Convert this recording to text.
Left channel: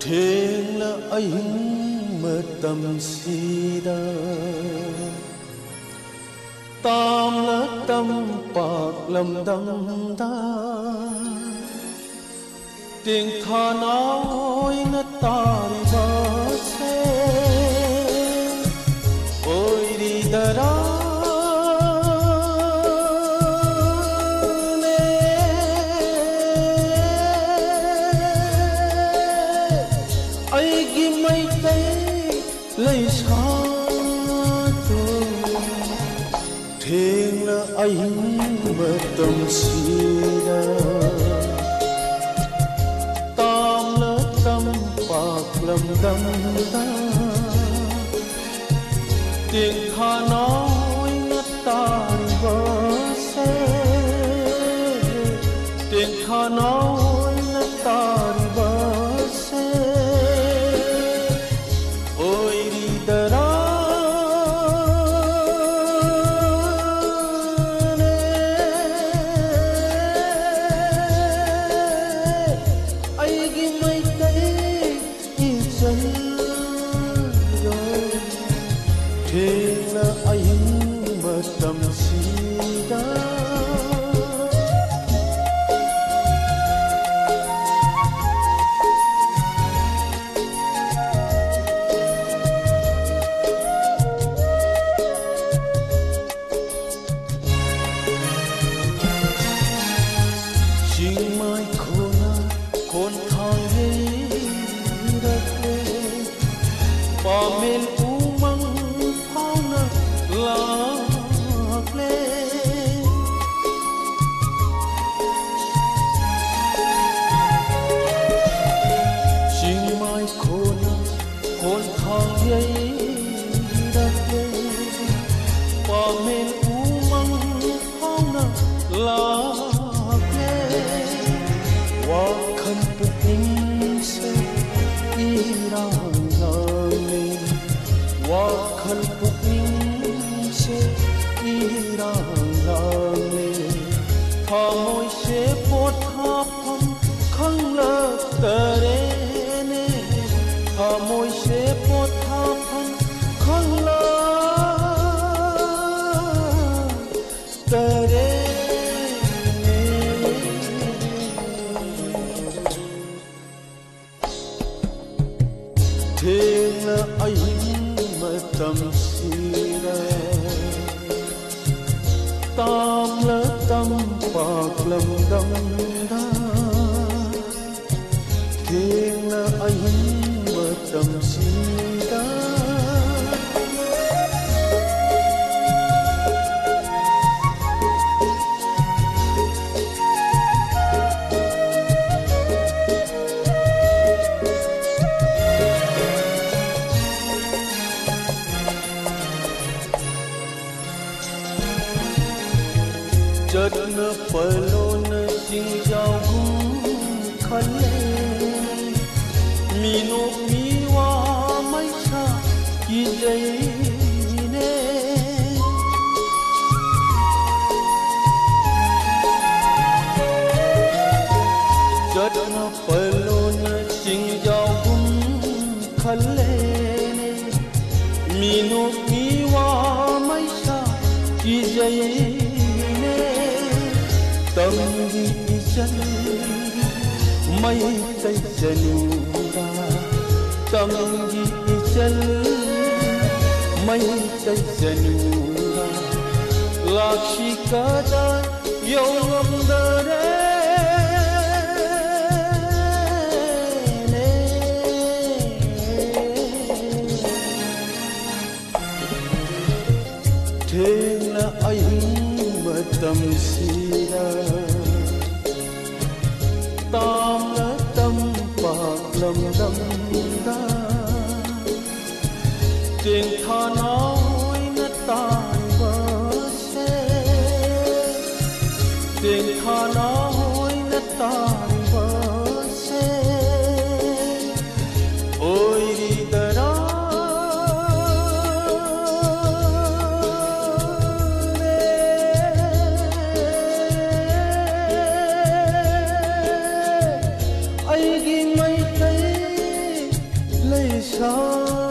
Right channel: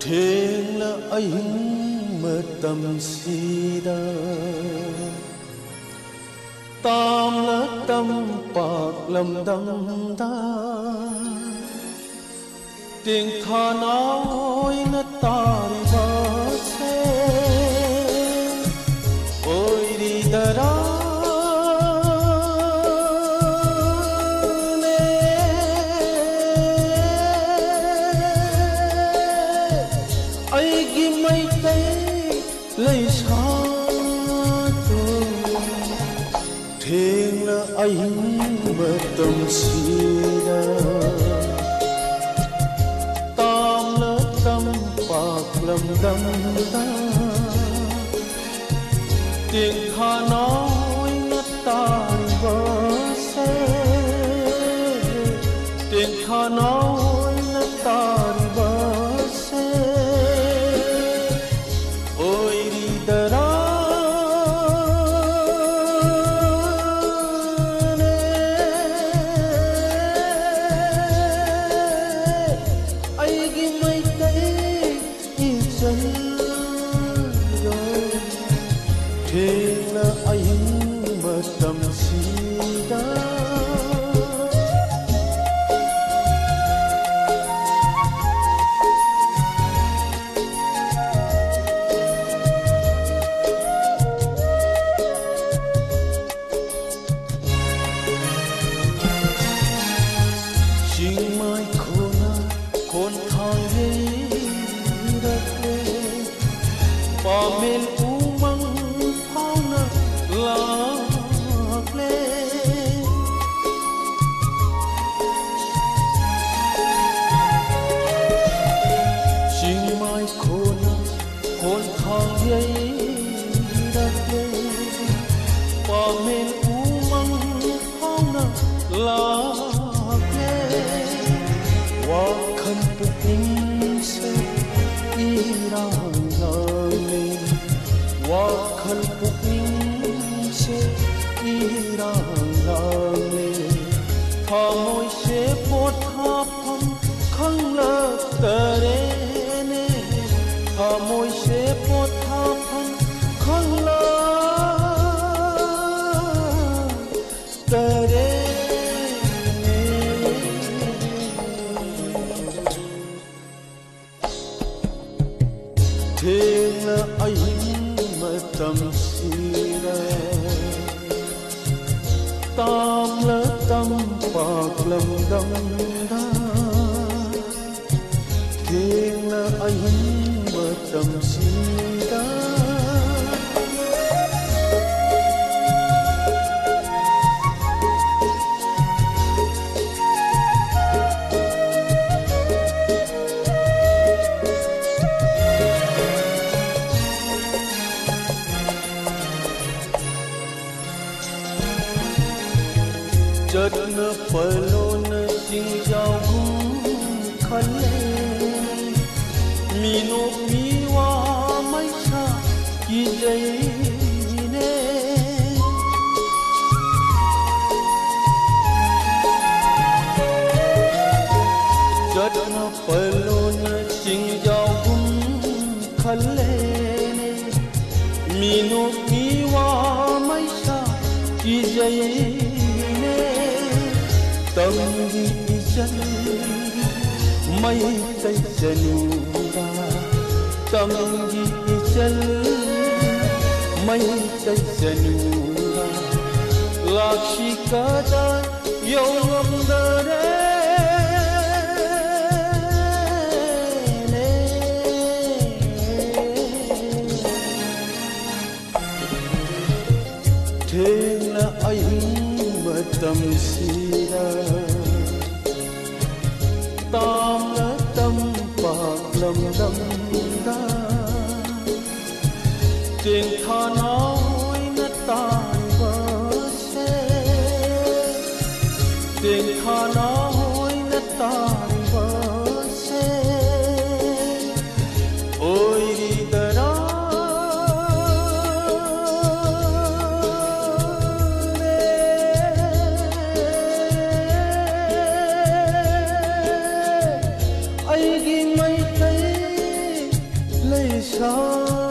Thêng anh mơ tâm si đa tam là tâm bạc lầm đâm đa tiếng tha nói nó ta đi bờ xe ôi đi ta đó lấy xa tôi thêng là anh mơ tâm si đa tam là tâm bạc lầm đâm đa tiếng tha nói ngất ta vỡ xe tiếng tha nói ngất ta vỡ xe thêng là anh mơ tâm si đa chinh mai khôn thang hê đất lê pa men umang phao na lạc lê chinh mai khôn thang hê đất lê pa men umang phao na lạc lê wa khan puking se irang lale wa khan puking se irang lale thamoi se pothapam khang la tare ne thamoi se pothapam khang la tare thêng là anh mơ tâm si đa tam là tâm bạc lầm đâm đa thêng là anh mơ tâm si đa chợt nở palo nở sinh giao khăn mi no mi wa mai cha ki dây ne chợt nở palo nở sinh giao khăn mi no mi wa mai cha ki dây tâm đi chân mây tây chân ra tâm đi chân mây tây chân ra lakshi kada yom dare thêng là anh mơ tâm si đa tam là tâm bạc lầm đâm đa tiếng tha nói ngất tai vỡ xe tiếng tha nói ngất tai vỡ xe ôi đi ta đó 세상